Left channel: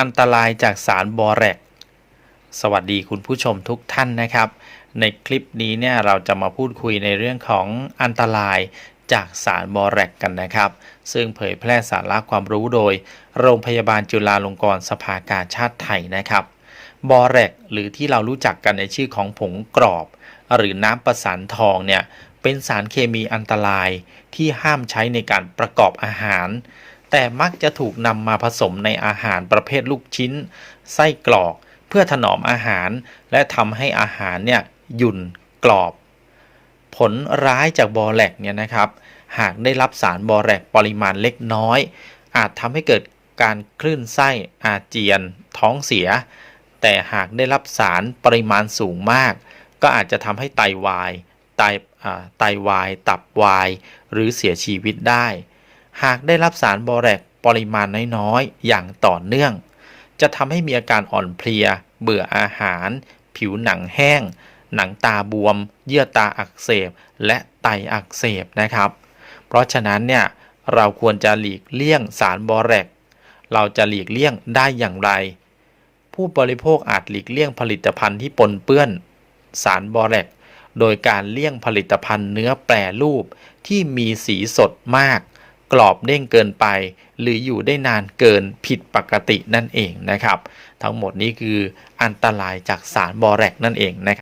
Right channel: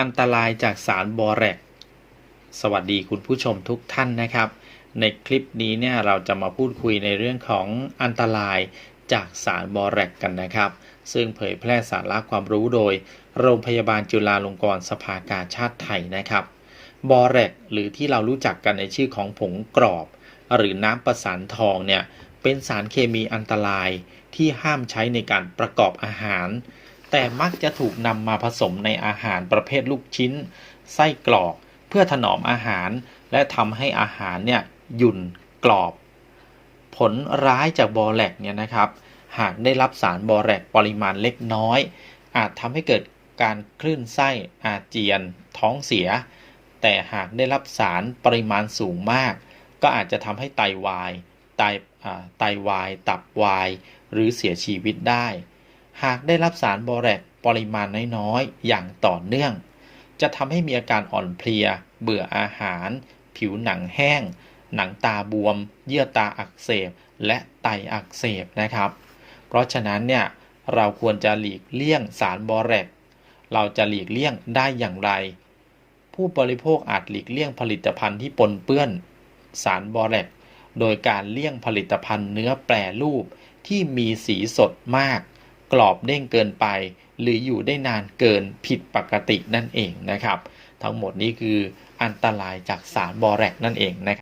อันตรายจากสารบอแรกสวัสดีคุณผู้ชมทุกท่านนะครับ ในคลิปนี้เนี่ยเราจะมาพูดคุยในเรื่องของอันตรายจากสารบอแรกกันนะครับ ซึ่งเผยแพร่สาระความรู้โดย โรงพยาบาลจุฬาลงกรณ์สภากาชาติไทยนะครับบอแรกหรือที่เรารู้จักกันในชื่อของผงกรอบ หรือน้ำประสานทองเนี่ยเป็นสารเคมีอันตรายที่ห้ามใช้ในการประกอบอาหาร แต่มักจะถูกนำมาผสมในอาหารประเภทลูกชิ้น ไส้กรอก เพื่อถนอมอาหาร และทำให้อาหารเนี่ยหยุ่นกรอบ ผลร้ายจากบอแลกเนี่ยนะครับ หากได้รับสารบอแลกปริมาณเล็กน้อย อาจทำให้เกิดการคลื่นไส้อาเจียน ท้องเสีย แต่หากได้รับสารปริมาณสูงมาก ก็อาจจะทำให้ไตวายไตาไตวาย ตับวาย หรือเสียชีวิตได้ หากได้รับสารบอแรกปริมาณน้อยๆ อย่างต่อเนื่อง จะทำให้มีอาการอ่อนเพลีย เบื่ออาหาร ผิวหนังแห้ง หนังตาบวม เยื่อตาอักเสบ และไตอักเสบนะครับ เพราะฉะนั้นเนี่ยเราควรจะหลีกเลี่ยงสารบอแรก เราจะหลีกเลี่ยงได้อย่างไร ผู้บริโภคอาจหลีกเลี่ยงผลิตภัณฑ์ที่ปนเปื้อน สารบอแรก โดยการเลี่ยงผลิตภัณฑ์เนื้อแปรรูปที่มีสีสดมาก กรอบเด้งเกินไป หรืออยู่ได้นานเกินผิดปกตินั่นเองนะครับ ทั้งหมดนี้คืออันตรายจากสารบอแรกนั่นเองนะครับ